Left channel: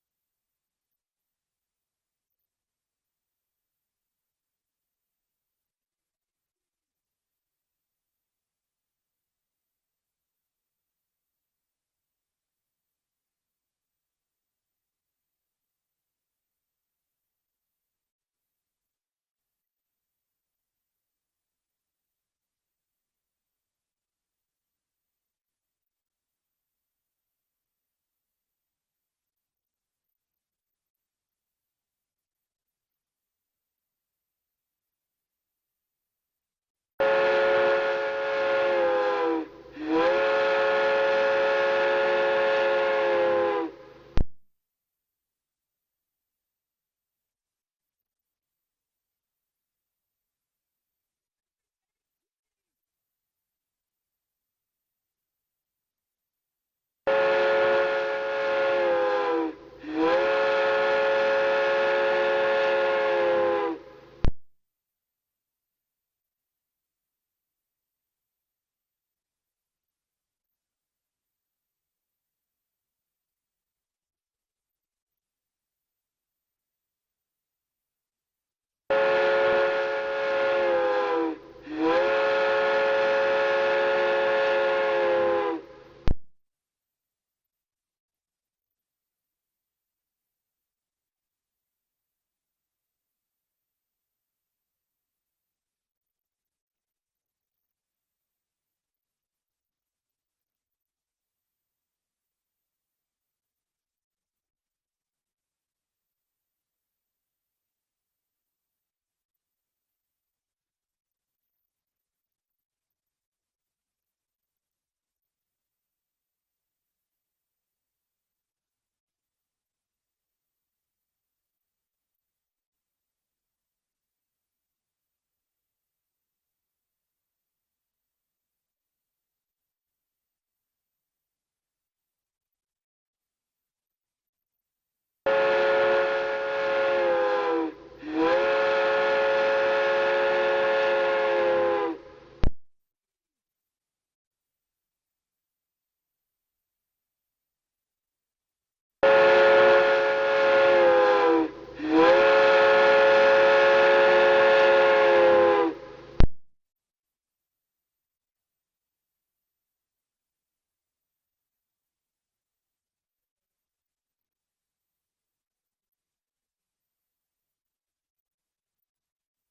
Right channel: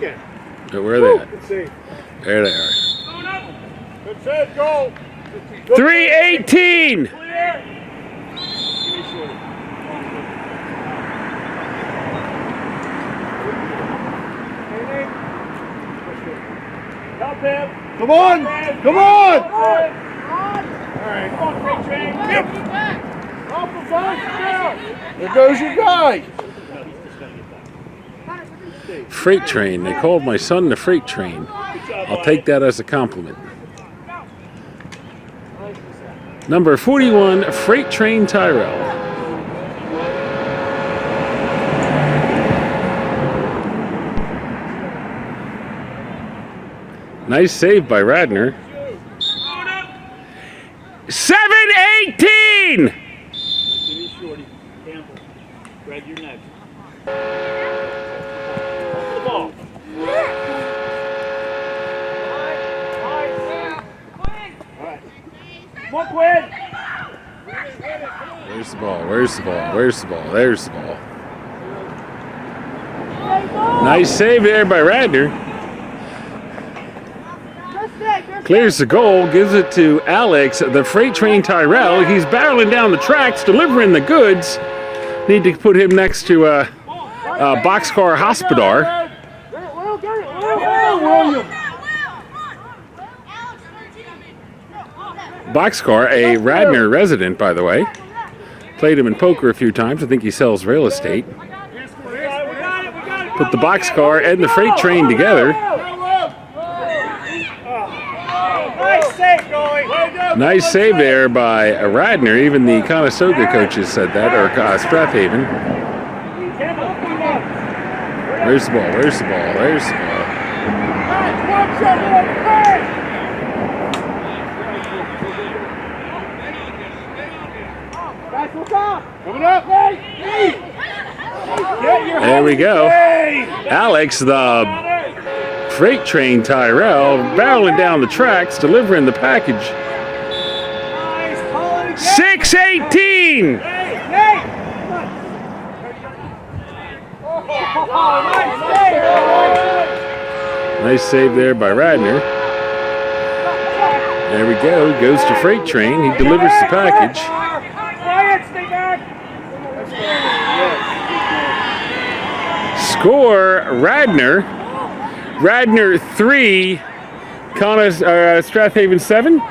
again. Where are they at? Good save. There they are. Good save, goal. 318. Clear. Help him. Come on. Come on. All right. Come on, Freight Train. Yep. Help him, guys. There goes your guy. Freight Train. They called my son the Freight Train. I'll take that as a compliment. Number 41, Freight Train Tyrell. Nice save by Radner. 7-18! Greg, you're next. Come on, Quinn! Where's the ball? Where's the ball? Where's the ball? There's the ball. Nice save there by Radner. Clears the goal, gives it to Alex, the Freight Train Tyrell. He's barreling down the tracks, delivering the goods. Need to put him next to Boxcar Hospodar. Boxcar, a Radner resident, by the way. Played him in poker a few times. I think he sells real estate. Put the Boxcar and the Freight Train together. Nice save there by Radner. Even the Conestoga coaches said that, or Strathaven. Where's the ball? Where's the ball? Where's the ball? Coming up, There we go. Alex, the Freight Train Tyrell, barreling down the tracks, delivering the package. 6-18! Nice save there by Radner. There we go. Goes to Freight Train. He delivers the package. Score, Radner. Radner 3, Strathaven 7.